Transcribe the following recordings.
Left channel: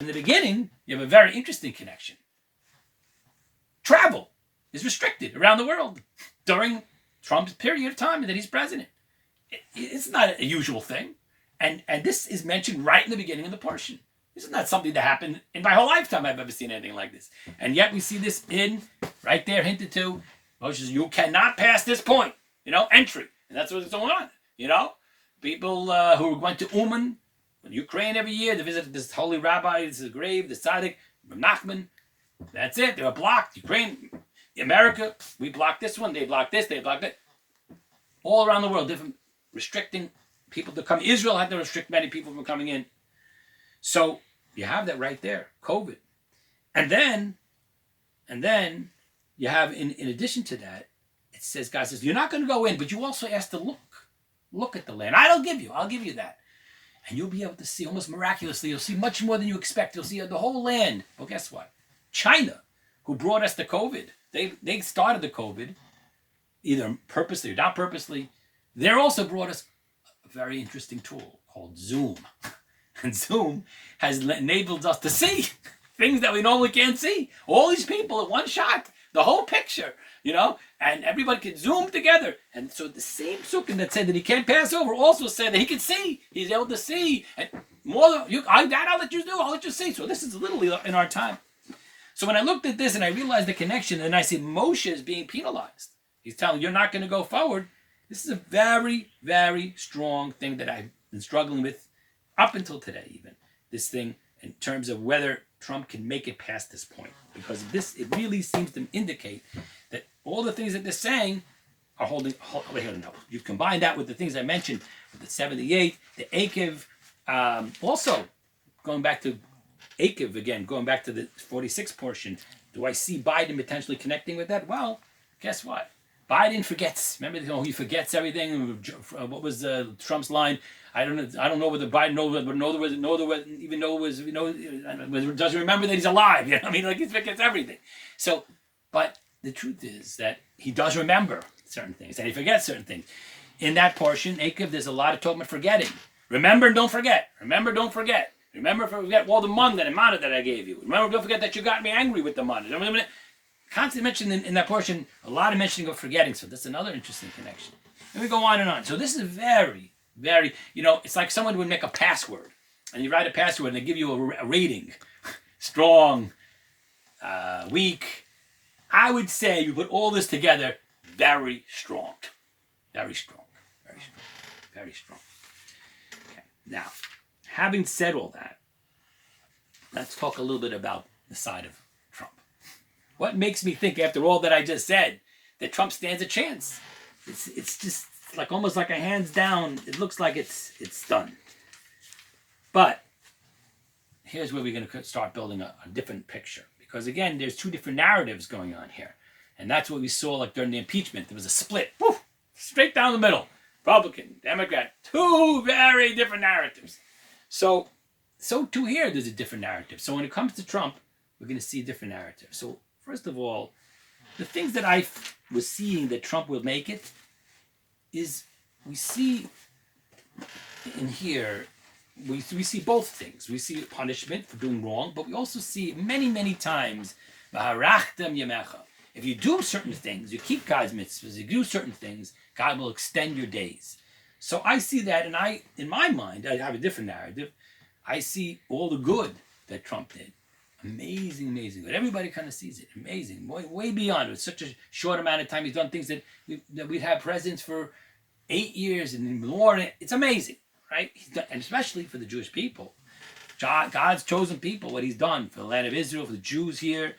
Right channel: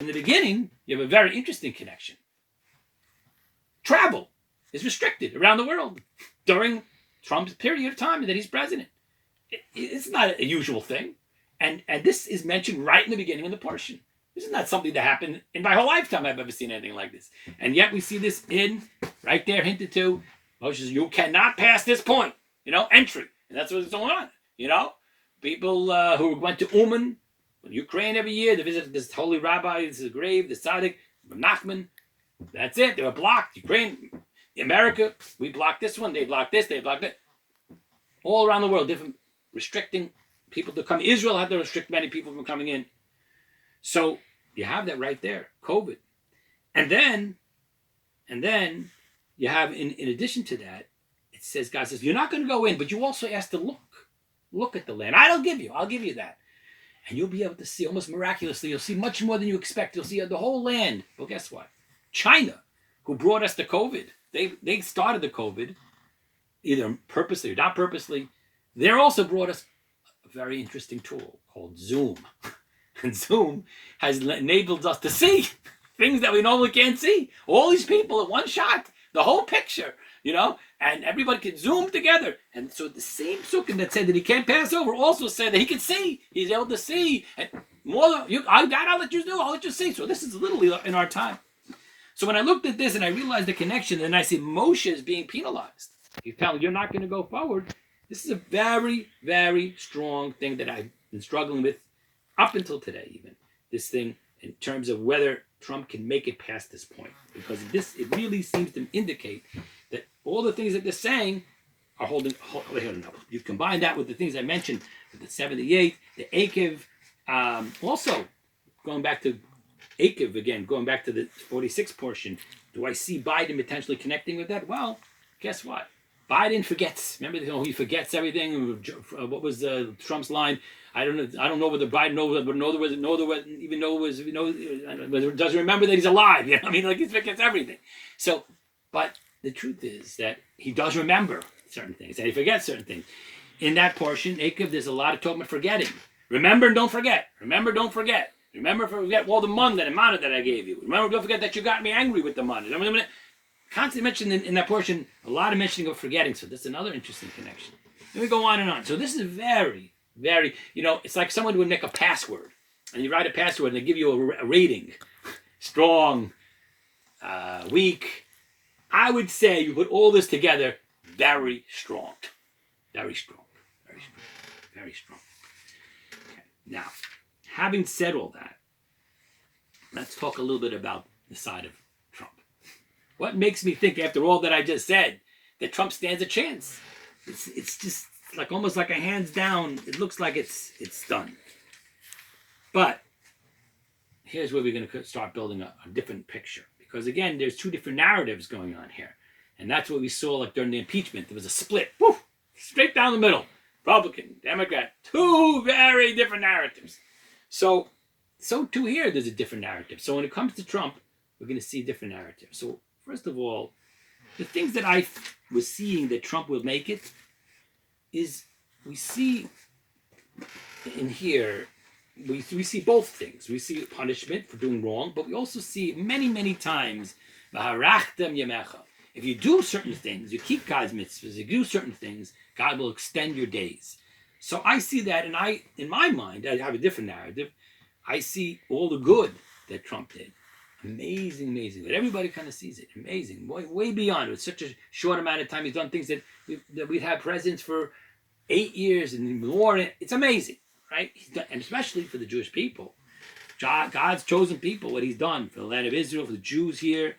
In the beginning, you have a very interesting connection. Travel is restricted around the world during Trump's period of time that he's president. It's not a usual thing. And this is mentioned right in the beginning of the portion. This is not something that happened in my whole lifetime I've ever seen anything like this. And yet we see this right there hinted to. Moshe says, you cannot pass this point, entry. And that's what's going on, People who went to Uman, Ukraine every year, they visited this holy rabbi, this is a grave, the tzaddik, Nachman. That's it. They were blocked. Ukraine, America, we blocked this one, they blocked this, they blocked it. All around the world, different restricting people to come. Israel had to restrict many people from coming in. So you have that right there, COVID. And then you have, in addition to that, it says, God says, you're not going to go in, but you also ask to look at the land. I'll give you that. And you'll be able to see, almost miraculously, you'll see much more than you expect. You'll see the whole land. Well, guess what? China, who brought us the COVID, they started the COVID, either purposely or not purposely. They also brought us a very interesting tool called Zoom. And Zoom has enabled us to see things that we normally can't see. All these people in one shot, the whole picture, and everybody can Zoom together. And so the same psukim that said that he can't pass over also said that he can see. He's able to see. And more, I'll let you do. I'll let you see. So this is literally in our time. So when I looked at this and I realized the connection, and I see Moshe is being penalized. He's telling you're not going to go forward. This is a very, very strong thing that I've been struggling with up until today, even. This thing in terms of whether Trump can make it past this point. Because it really seems to indicate that all the things that they're saying are holding. You combine that with the things I mentioned, with the 78, the Akev, also going back to Akev again, going back to the 46 portion. Do I see Biden potentially connecting with that? Well, guess what? Biden forgets. Remember, he forgets everything. What was Trump's line? I don't know whether Biden doesn't remember that he's alive. He forgets everything. So, but the truth is that he does remember certain things, and he forgets certain things. In that portion, Akev, there's a lot of talk about forgetting. Remember and don't forget. Remember, don't forget. Remember, forget all the money that I gave you. Remember, don't forget that you got me angry with the money. Constantly mentioned in that portion, a lot of mentioning of forgetting. So that's another interesting connection. And we go on and on. So this is very, very, it's like someone would make a password. And you write a password and they give you a rating. Strong, weak. I would say you put all this together, very strong. Very strong. Very strong. Very strong. Okay. Now, having said all that, let's talk a little bit about the side of Trump. What makes me think, after all that I just said, that Trump stands a chance? It's just like almost like a hands down. It looks like it's done. But here's where we're going to start building a different picture. Because again, there's two different narratives going on here. And that's what we saw like during the impeachment. There was a split. Woof, straight down the middle. Republican, Democrat. Two very different narratives. So too here, there's a different narrative. So when it comes to Trump, we're going to see a different narrative. So first of all, the things that I was seeing that Trump will make it is we see in here, we see both things. We see punishment for doing wrong, but we also see many, many times, if you do certain things, you keep God's mitzvahs, you do certain things, God will extend your days. So I see that, and in my mind, I have a different narrative. I see all the good that Trump did. Amazing, amazing. But everybody kind of sees it. Amazing. Way beyond. It's such a short amount of time. He's done things that we've had presidents for 8 years and more. It's amazing, right? And especially for the Jewish people. God's chosen people, what he's done for the land of Israel, for the Jews here,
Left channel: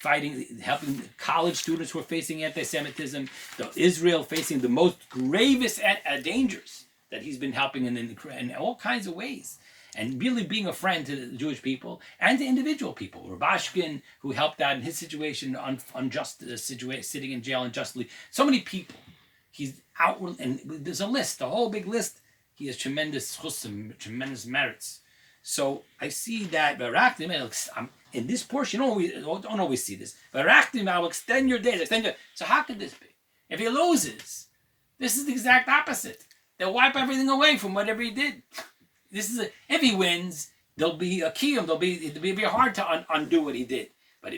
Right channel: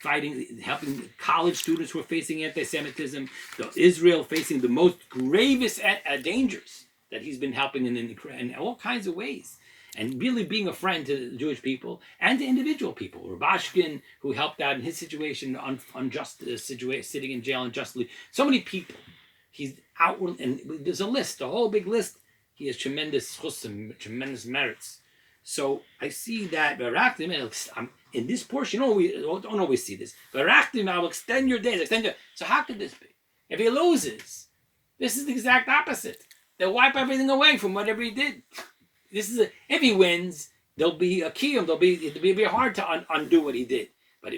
fighting, helping college students who are facing anti-Semitism, Israel facing the most gravest dangers that he's been helping in all kinds of ways. And really being a friend to the Jewish people and to individual people. Rabashkin, who helped out in his situation, unjust situation, sitting in jail unjustly. So many people. He's outward, and there's a list, a whole big list. He has tremendous chusim, tremendous merits. So I see that in this portion, don't always see this. I will extend your days. So how could this be? If he loses, this is the exact opposite. They'll wipe everything away from whatever he did. If he wins, there'll be a kiyum. It'll be hard to undo what he did. But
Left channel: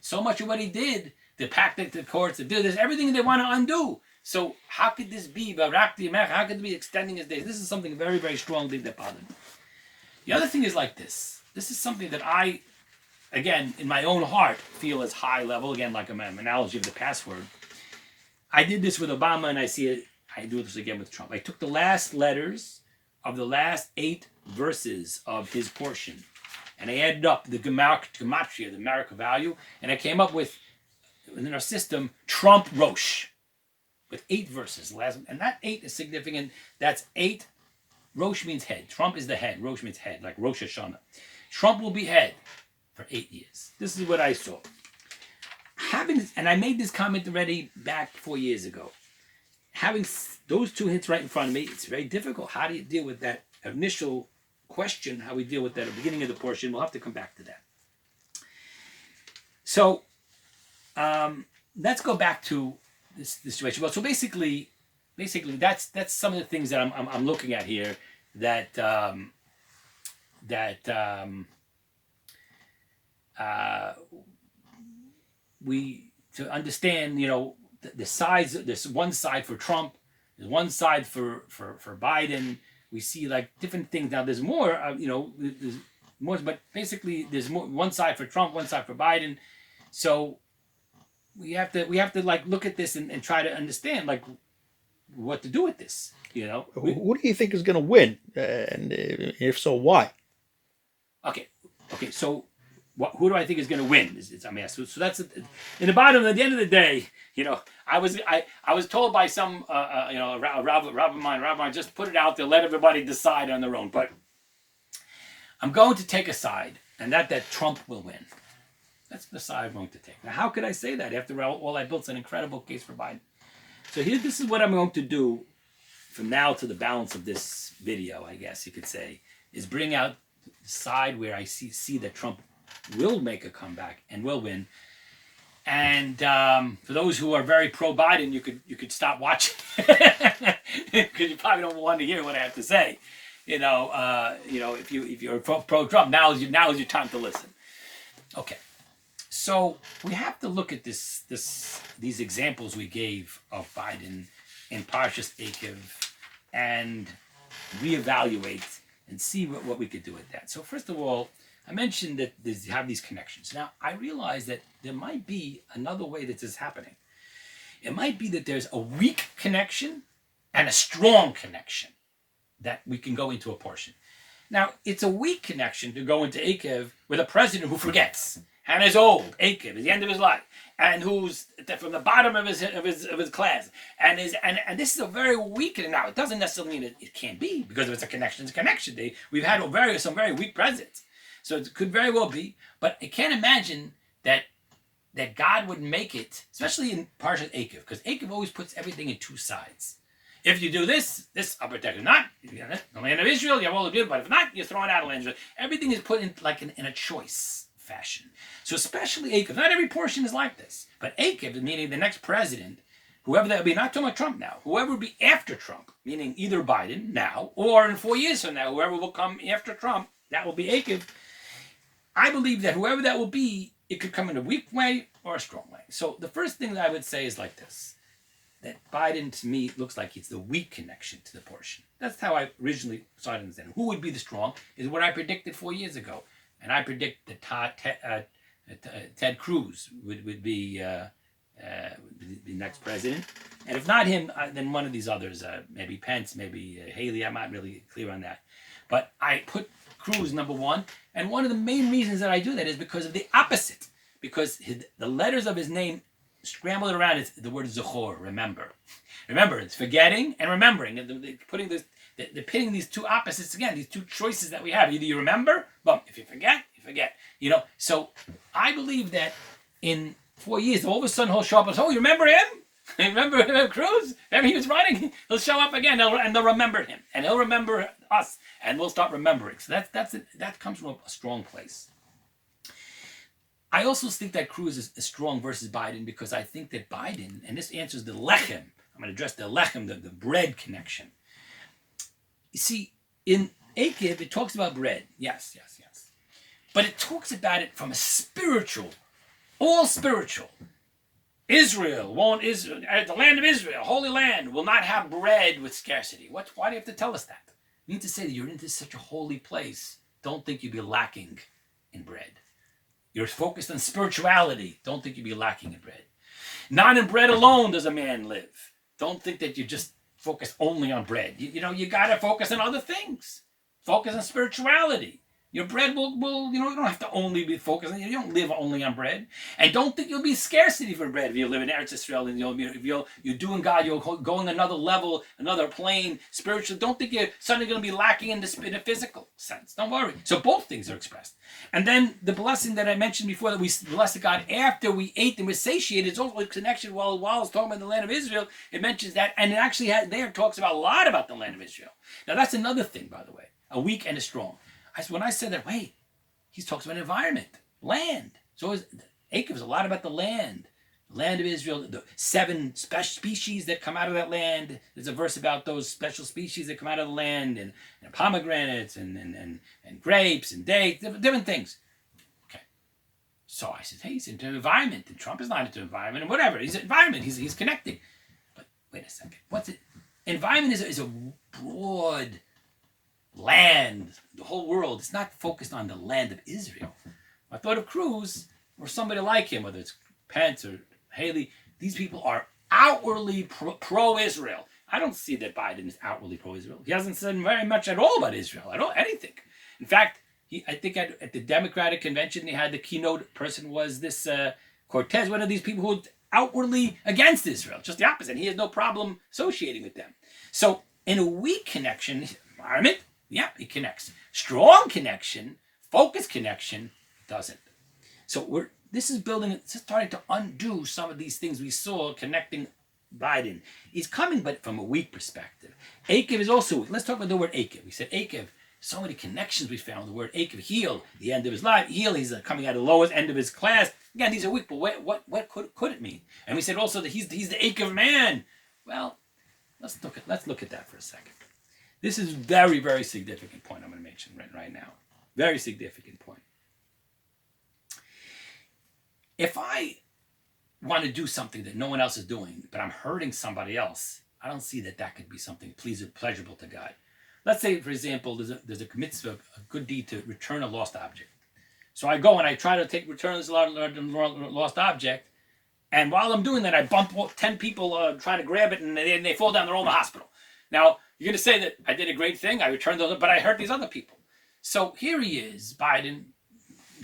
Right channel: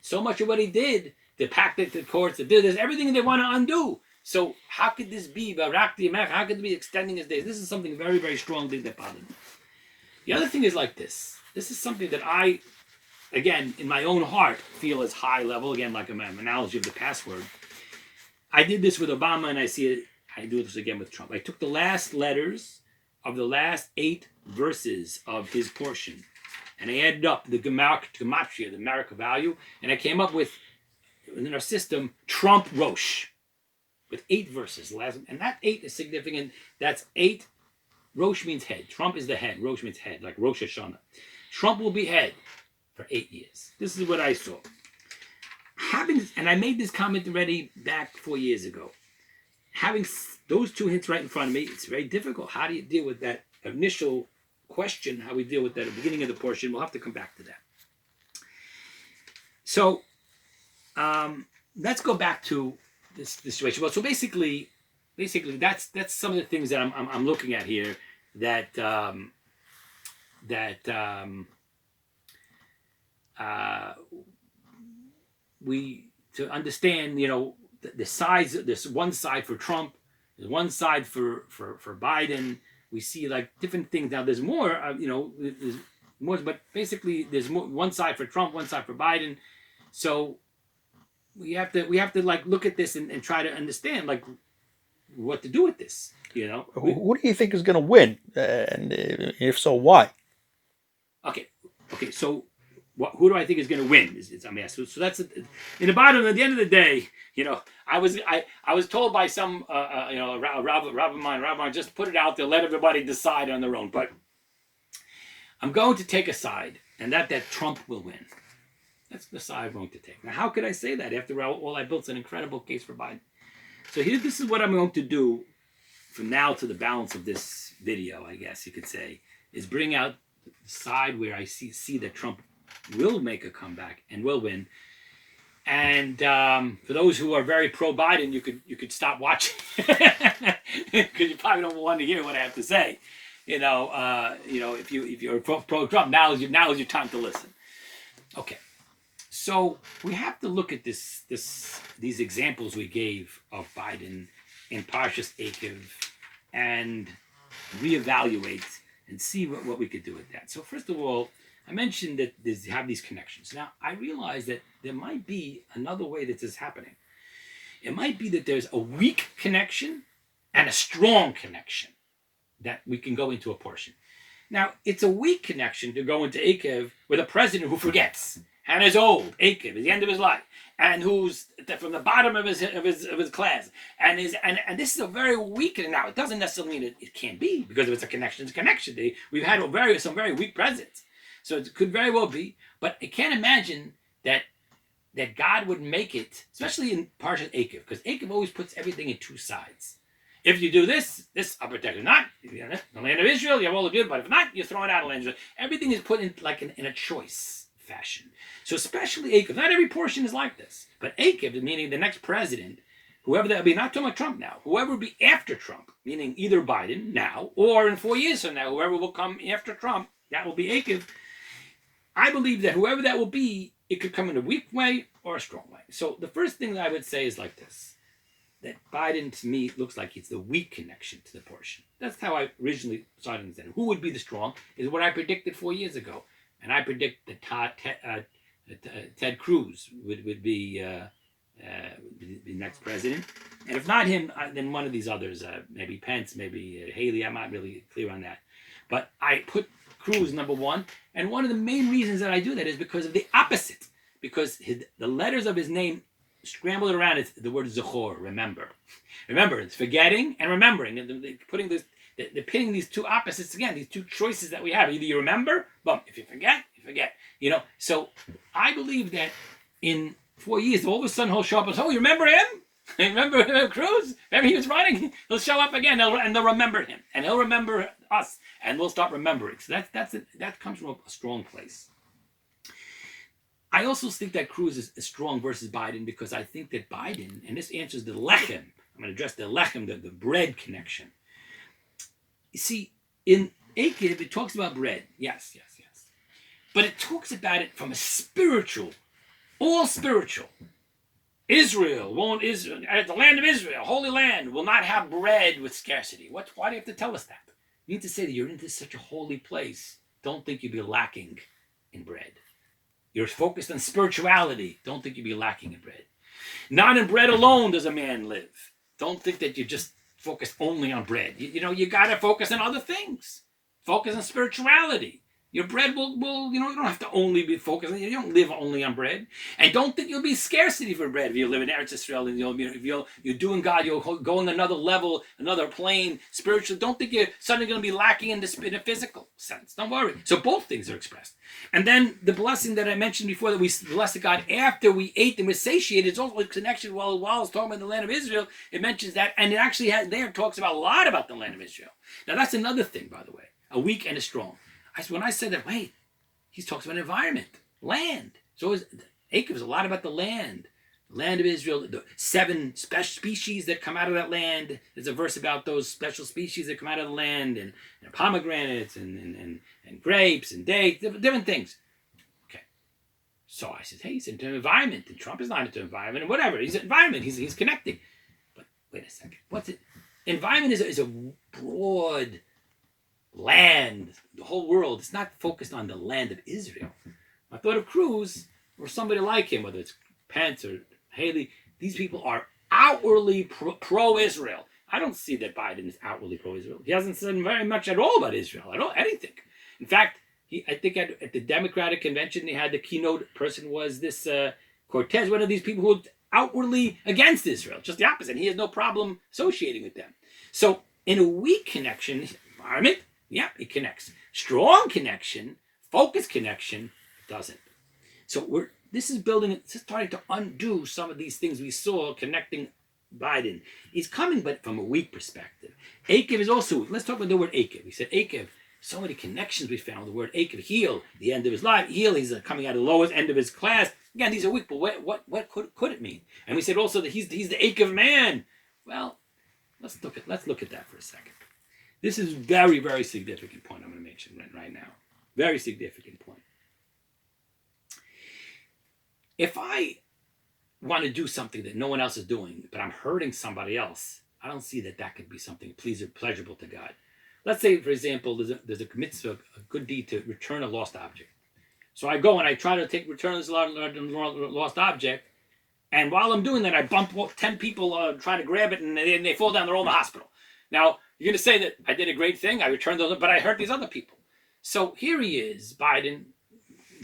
so much of what he did, the pactic, the courts, the this, everything they want to undo. So how could this be? How could it be extending his days? This is something very, very strong thing that bothered me. The other thing is like this. This is something that I, again, in my own heart, feel is high level. Again, like an analogy of the password. I did this with Obama, and I see it. I do this again with Trump. I took the last letters of the last 8 verses of his portion, and I added up the gematria, the numerical value, and I came up with, in our system, Trump Rosh, with 8 verses. And that 8 is significant. That's 8. Rosh means head. Trump is the head. Rosh means head, like Rosh Hashanah. Trump will be head for 8 years. This is what I saw. And I made this comment already back 4 years ago. Having those 2 hints right in front of me, it's very difficult. How do you deal with that initial question? How we deal with that at the beginning of the portion? We'll have to come back to that. So let's go back to this situation. Well, so basically, that's some of the things that I'm looking at here. We to understand, the sides. There's one side for Trump. There's one side for Biden. We see like different things. Now there's more. There's more, but basically there's more. One side for Trump, one side for Biden. So we have to like look at this and try to understand like what to do with this. Who do you think is going to win, and if so, why? Okay. So, who do I think is going to win? So that's in the bottom. At the end of the day, I was told by some a rabbi, just put it out there, let everybody decide on their own. But I'm going to take a side, and that Trump will win. That's the side I'm going to take. Now, how could I say that after all I built an incredible case for Biden? So this is what I'm going to do from now to the balance of this video, I guess you could say, is bring out the side where I see that Trump will make a comeback and will win. And for those who are very pro-Biden, you could stop watching because you probably don't want to hear what I have to say. If you're pro-Trump, now is your time to listen. Okay. So we have to look at these examples we gave of Biden in Parshas Eikev and reevaluate and see what we could do with that. So first of all, I mentioned that you have these connections. Now, I realize that there might be another way that this is happening. It might be that there's a weak connection and a strong connection that we can go into a portion. Now, it's a weak connection to go into Eikev with a president who forgets and is old, Eikev, at the end of his life, and who's from the bottom of his class, and this is a very weak. Now, it doesn't necessarily mean it can't be, because if it's a connection, it's a connection. We've had some very weak presidents, so it could very well be. But I can't imagine that God would make it, especially in Parshat Eikev, because Eikev always puts everything in 2 sides. If you do this I'll protect it. Not the land of Israel, you have all the beauty, but if not, you're throwing out the land of Israel. Everything is put in like in a choice fashion. So especially Eikev, not every portion is like this, but Eikev, meaning the next president, whoever that would be, not talking about Trump now, whoever would be after Trump, meaning either Biden now or in 4 years from now, whoever will come after Trump, that will be Eikev. I believe that whoever that will be, it could come in a weak way or a strong way. So the first thing that I would say is like this, that Biden to me looks like it's the weak connection to the portion. That's how I originally started to understand. Who would be the strong is what I predicted 4 years ago. And I predict that Ted Cruz would be the next president. And if not him, then one of these others, maybe Pence, maybe Haley. I'm not really clear on that. But I put Cruz number 1. And one of the main reasons that I do that is because of the opposite. Because the letters of his name scrambled around, it's the word Zachor, remember. Remember, it's forgetting and remembering. And they're pitting these 2 opposites again, these 2 choices that we have. Either you remember, boom. If you forget, you forget. So I believe that in 4 years, all of a sudden he'll show up and say, oh, you remember him? Remember Cruz? Remember he was running? He'll show up again, and they'll remember him. And he'll remember us, and we'll start remembering. So that comes from a strong place. I also think that Cruz is strong versus Biden because I think that Biden, and this answers the lechem, I'm going to address the lechem, the bread connection. You see, in Akev, it talks about bread. Yes, yes, yes. But it talks about it from a spiritual, all spiritual. Israel, the land of Israel, holy land, will not have bread with scarcity. Why do you have to tell us that? You need to say that you're into such a holy place. Don't think you'll be lacking in bread. You're focused on spirituality. Don't think you'll be lacking in bread. Not in bread alone does a man live. Don't think that you just focus only on bread. You got to focus on other things. Focus on spirituality. Your bread will you don't have to only be focusing. You don't live only on bread. And don't think you'll be scarcity for bread if you live in Eretz Israel and if you're doing God, you're going another level, another plane, spiritual. Don't think you're suddenly going to be lacking in a physical sense. Don't worry. So both things are expressed. And then the blessing that I mentioned before, that we blessed God after we ate and were satiated, it's also a connection while it's talking about the land of Israel. It mentions that, and it actually talks about a lot about the land of Israel. Now that's another thing, by the way, a weak and a strong. When I said that, wait, he talks about environment, land. So Akev is a lot about the land of Israel, the 7 special species that come out of that land. There's a verse about those special species that come out of the land, and pomegranates, and grapes, and dates, different things. Okay. So I said, hey, he's into environment, and Trump is not into environment, and whatever. He's environment, he's connecting. But wait a second. What's it? Environment is a broad land, the whole world. It's not focused on the land of Israel. I thought of Cruz or somebody like him, whether it's Pence or Haley. These people are outwardly pro-Israel. I don't see that Biden is outwardly pro-Israel. He hasn't said very much at all about Israel, anything. In fact, I think at the Democratic convention, they had the keynote person was this Cortez, one of these people who are outwardly against Israel, just the opposite. He has no problem associating with them. So in a weak connection, environment, yeah, it connects. Strong connection, focused connection, doesn't. So this is starting to undo some of these things we saw connecting Biden. He's coming, but from a weak perspective. Akev is also weak. Let's talk about the word Akev. We said Akev, so many connections we found. The word Akev, heal, the end of his life. Heal, he's coming out of the lowest end of his class. Again, these are weak, but what could it mean? And we said also that he's the Akev man. Well, let's look at that for a second. This is a very, very significant point I'm going to mention right now. Very significant point. If I want to do something that no one else is doing, but I'm hurting somebody else, I don't see that could be something pleasurable to God. Let's say, for example, there's a mitzvah, a good deed to return a lost object. So I go and I try to return this lost object, and while I'm doing that, I bump 10 people trying to grab it, and they fall down. They're all in the hospital. Now, you're going to say that I did a great thing, I returned those, but I hurt these other people. So here he is, Biden,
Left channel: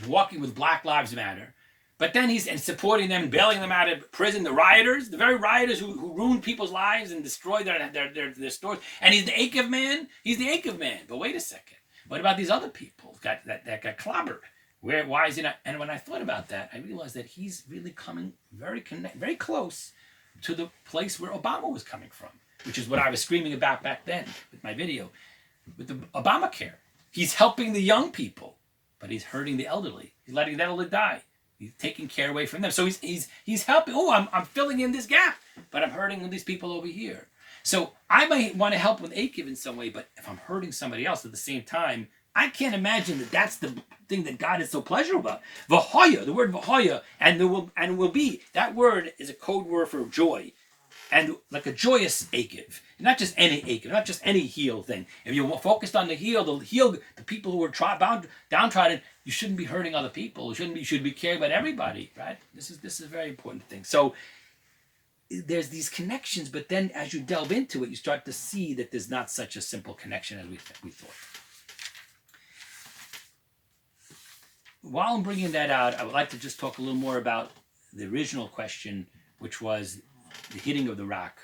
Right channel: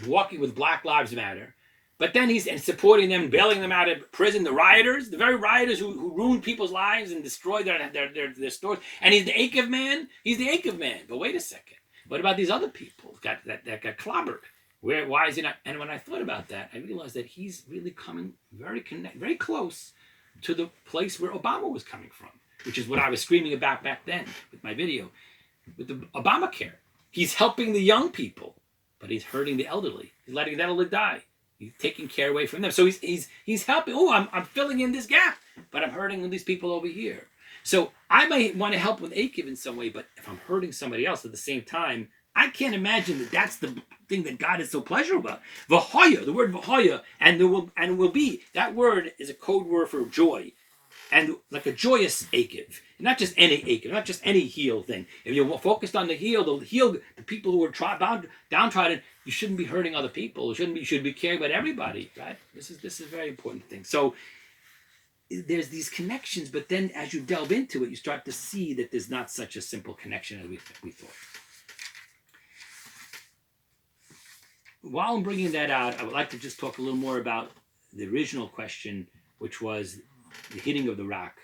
walking with Black Lives Matter, but then he's supporting them, bailing them out of prison, the rioters, the very rioters who ruined people's lives and destroyed their stores. And he's the Akev man. He's the Akev man. But wait a second. What about these other people that got clobbered? Why is he not? And when I thought about that, I realized that he's really coming very close to the place where Obama was coming from, which is what I was screaming about back then with my video, with the Obamacare. He's helping the young people, but he's hurting the elderly. He's letting the elderly die. He's taking care away from them. So he's helping. Oh, I'm filling in this gap, but I'm hurting these people over here. So I might want to help with Akev in some way, but if I'm hurting somebody else at the same time, I can't imagine that that's the thing that God is so pleasurable about. Vahoya, the word vahoya, and it will be. That word is a code word for joy. And like a joyous Akev, not just any Akev, not just any heel thing. If you're focused on the people who are downtrodden, you shouldn't be hurting other people. You should be caring about everybody, right? This is a very important thing. So there's these connections, but then as you delve into it, you start to see that there's not such a simple connection as we thought. While I'm bringing that out, I would like to just talk a little more about the original question, which was the hitting of the rock,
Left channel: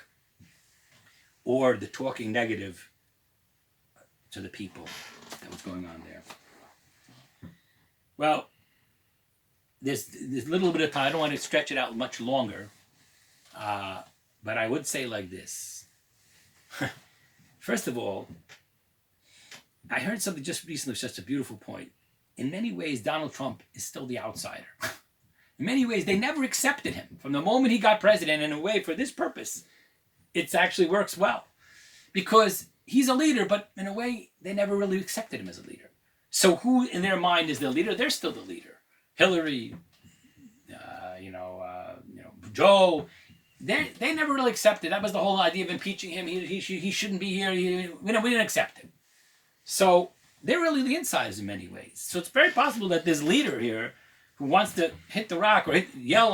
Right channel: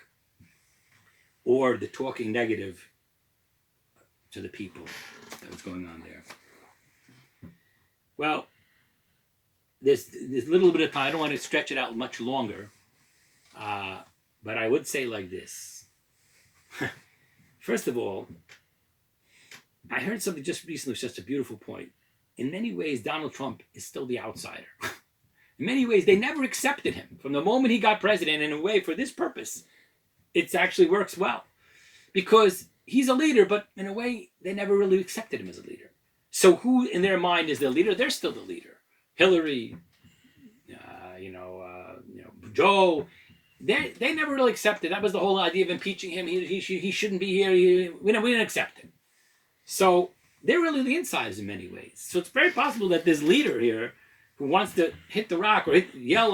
or the talking negative to the people that was going on there. Well, there's a little bit of time. I don't want to stretch it out much longer, but I would say like this. First of all, I heard something just recently, which is just a beautiful point. In many ways, Donald Trump is still the outsider. In many ways, they never accepted him. From the moment he got president, in a way, for this purpose, it actually works well. Because he's a leader, but in a way, they never really accepted him as a leader. So who in their mind is the leader? They're still the leader. Hillary, Joe, they never really accepted. That was the whole idea of impeaching him. He shouldn't be here. We didn't accept him. So they're really the insiders in many ways. So it's very possible that this leader here who wants to hit the rock or yell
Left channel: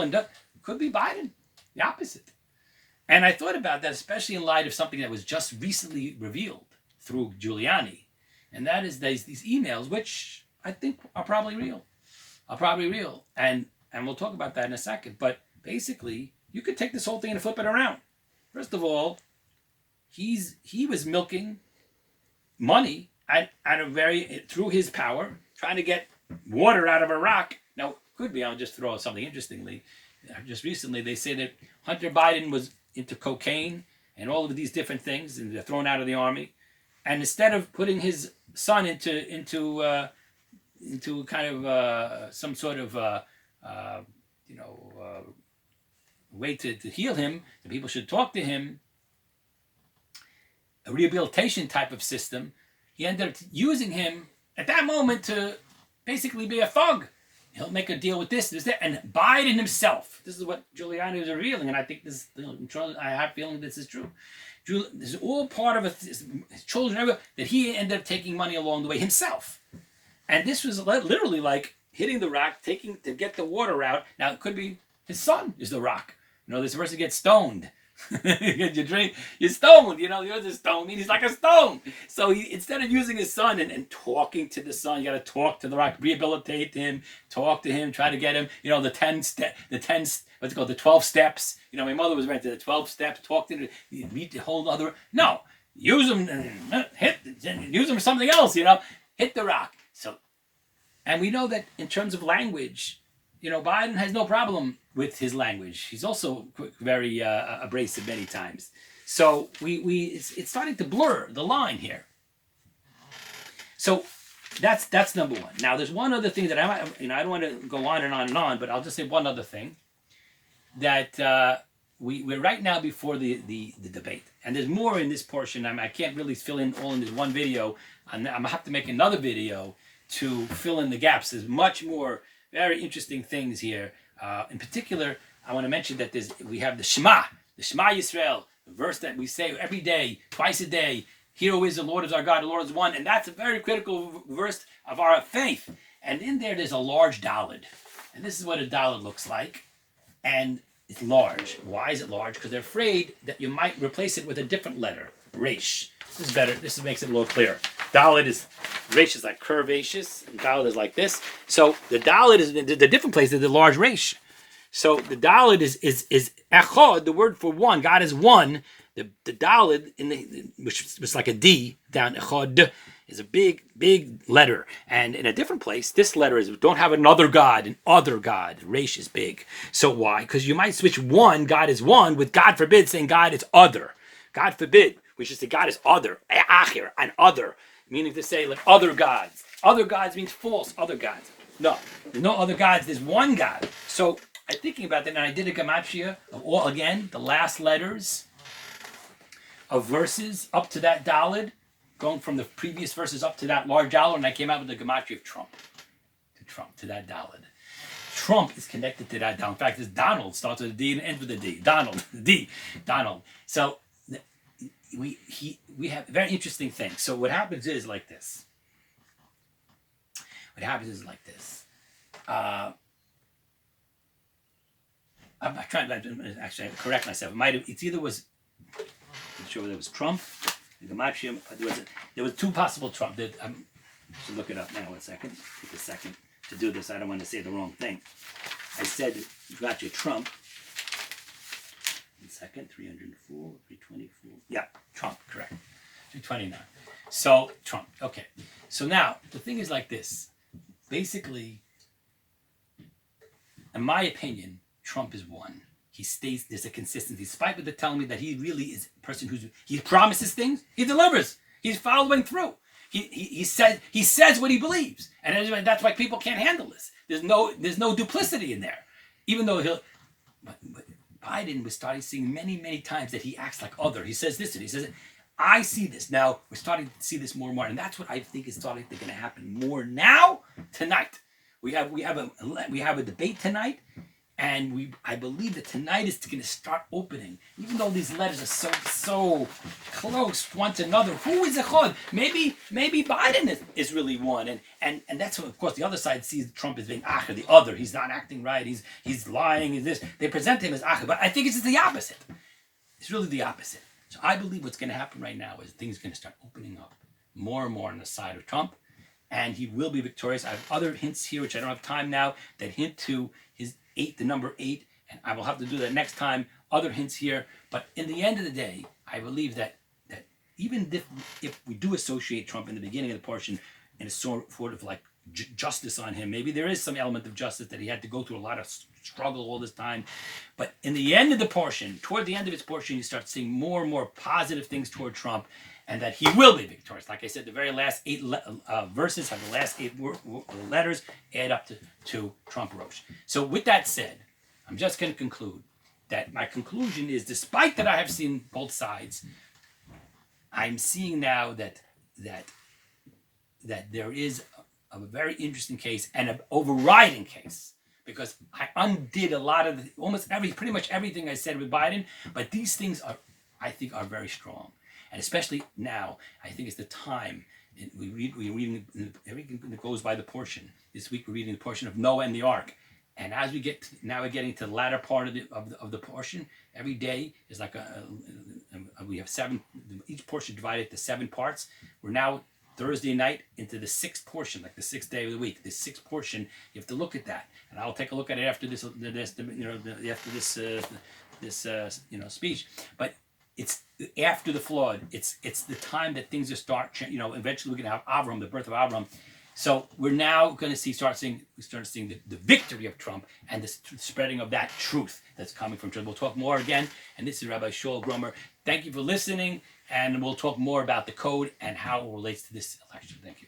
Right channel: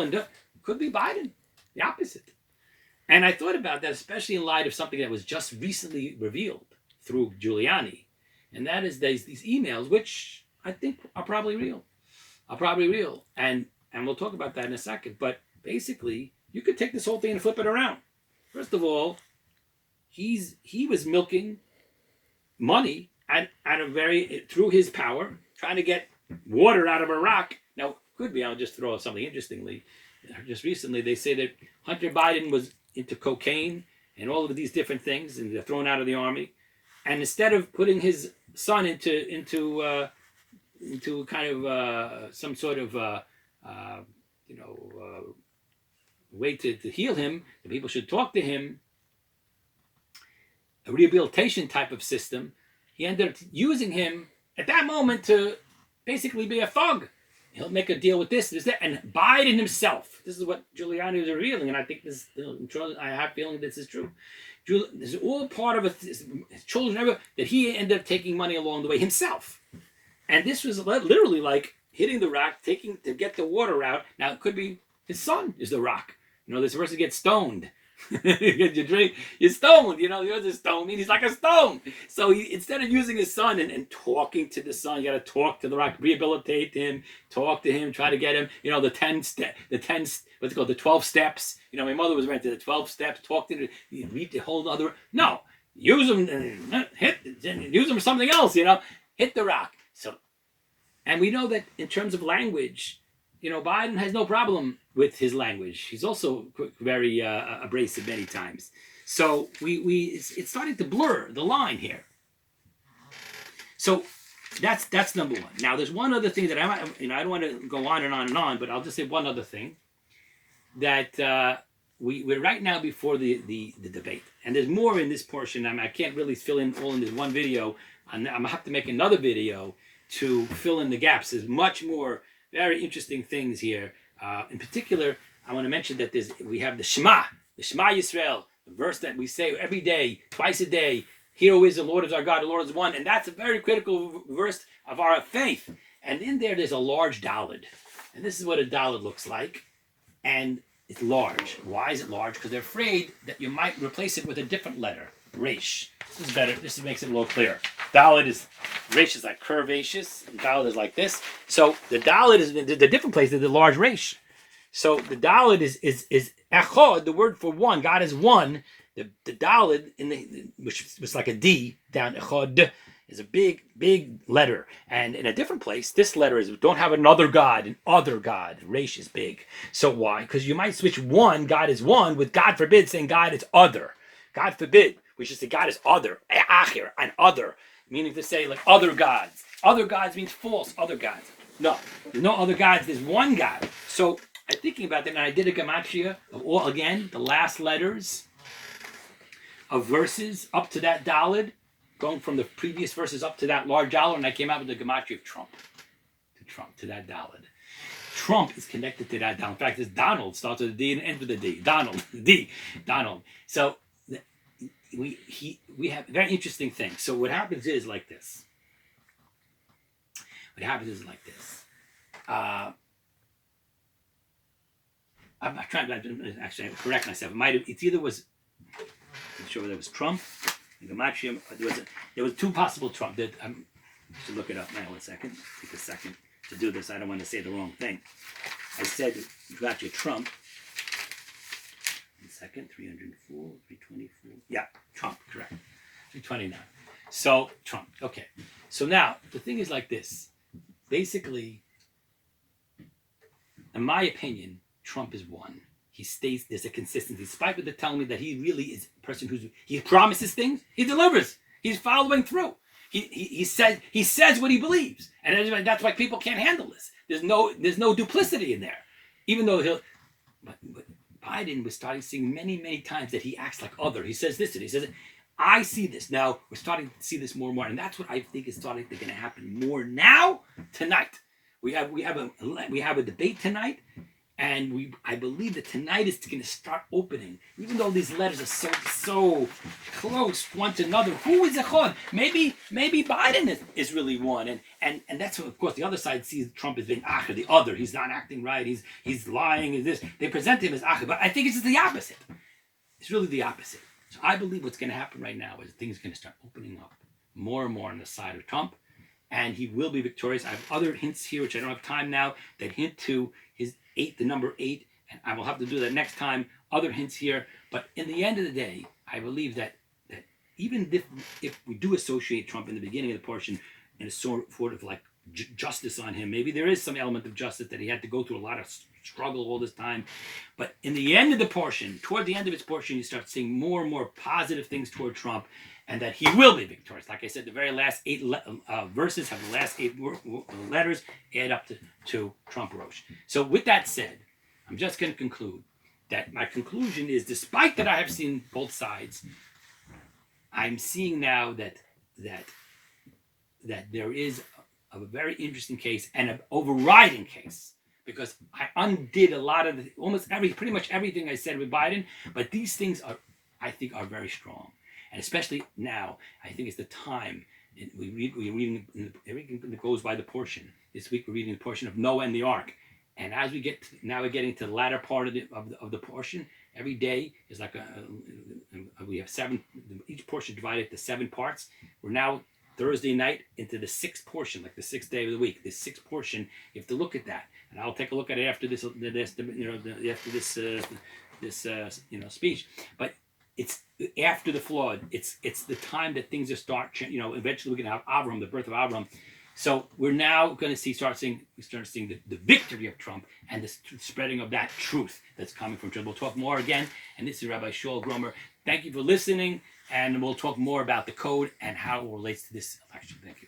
could be Biden, the opposite. And I thought about that, especially in light of something that was just recently revealed through Giuliani. And that is these emails, which I think are probably real. And we'll talk about that in a second. But basically, you could take this whole thing and flip it around. First of all, he was milking money through his power, trying to get water out of a rock. Now, could be, I'll just throw something interestingly. Just recently, they say that Hunter Biden was into cocaine and all of these different things, and they're thrown out of the army. And instead of putting his son into kind of some sort of way to heal him, the people should talk to him, a rehabilitation type of system, he ended up using him at that moment to basically be a thug. He'll make a deal with this, that, and Biden himself. This is what Giuliani is revealing, and I think I have a feeling this is true. This is all part of his children that he ended up taking money along the way himself. And this was literally like hitting the rock, taking to get the water out. Now it could be his son is the rock. This person gets stoned. You're stoned. You're the stone. He's like a stone. So instead of using his son and talking to the son, you got to talk to the rock, rehabilitate him, talk to him, try to get him. What's it called? The 12 steps. My mother was right to the 12 steps. Talk to him. Read the whole other. No, use him and use him for something else. Hit the rock. So, and we know that in terms of language, Biden has no problem with his language. He's also very abrasive many times. So it's starting to blur the line here. So that's number one. Now there's one other thing that I don't want to go on and on and on, but I'll just say one other thing that we're right now before the debate, and there's more in this portion. I can't really fill in all in this one video. I'm gonna have to make another video to fill in the gaps. There's much more very interesting things here. In particular, I want to mention that we have the Shema Yisrael, the verse that we say every day, twice a day. Hear, who is the Lord is our God, the Lord is one. And that's a very critical verse of our faith. And in there's a large daled. And this is what a daled looks like. And it's large. Why is it large? Because they're afraid that you might replace it with a different letter, resh. This is better. This makes it a little clearer. Resh is like curvaceous, and daled is like this. So the daled is the different place is the large resh. So the daled is echad, the word for one. God is one. The daled which was like a D down echad is a big letter, and in a different place, this letter is don't have another God, an other God. Resh is big. So why? Because you might switch one, God is one, with God forbid saying God is other. God forbid. We should say God is other, achir, an other, meaning to say like other gods. Other gods means false, other gods. No, there's no other gods, there's one God. So I'm thinking about that, and I did a gematria of all, again, the last letters of verses up to that daled, going from the previous verses up to that large daled, and I came out with the gematria of Trump, to that daled. Trump is connected to that daled. In fact, it's Donald, starts with a D and ends with a D. Donald. So we have very interesting things. So what happens is like this. I'm not trying to actually correct myself. It's either was, I'm sure there was Trump, and Gematria. There was two possible Trump. I should look it up now. 1 second. Take a second to do this. I don't want to say the wrong thing. I said Gematria Trump. 1 second. 304, 324. Yeah, Trump. Correct. 329. So Trump. Okay. So now the thing is like this. Basically, in my opinion, Trump is one. He stays, there's a consistency. Despite what they're telling me that he really is a person he promises things, he delivers. He's following through. He says what he believes. And that's why people can't handle this. There's no duplicity in there. Even though but Biden was starting seeing many, many times that he acts like other. He says this and he says it. I see this now. We're starting to see this more and more, and that's what I think is starting to going to happen more now tonight. We have a debate tonight, and I believe that tonight is going to start opening. Even though these letters are so close one to another, who is echad? Maybe Biden is really one, and that's what, of course, the other side sees Trump as being acher, the other. He's not acting right. He's lying. Is this? They present him as acher, but I think it's just the opposite. It's really the opposite. So I believe what's going to happen right now is things are going to start opening up more and more on the side of Trump, and he will be victorious. I have other hints here, which I don't have time now, that hint to his the number 8, and I will have to do that next time. Other hints here, but in the end of the day, I believe that even if we do associate Trump in the beginning of the portion and a sort of like justice on him, maybe there is some element of justice that he had to go through a lot of struggle all this time, but in the end of the portion, toward the end of its portion, you start seeing more and more positive things toward Trump, and that he will be victorious. Like I said, the very last 8 verses have the last 8 letters add up to Trump Rosh. So with that said, I'm just going to conclude that my conclusion is, despite that I have seen both sides, I'm seeing now that there is a very interesting case and an overriding case, because I undid a lot of pretty much everything I said with Biden, but these things I think are very strong. And especially now, I think it's the time. We're reading everything that goes by the portion. This week we're reading the portion of Noah and the Ark. And as we're getting to the latter part of the portion. Every day is like we have 7. Each portion divided into 7 parts. We're now Thursday night into the 6th portion, like the 6th day of the week. This 6th portion, you have to look at that, and I'll take a look at it after this speech. But it's after the flood. It's the time that things are start. Eventually we're going to have Avram, the birth of Avram. So we're now going to start seeing the victory of Trump and the spreading of that truth that's coming from Trump. We'll talk more again. And this is Rabbi Gromer. Thank you for listening, and we'll talk more about the code and how it relates to this election. Thank you.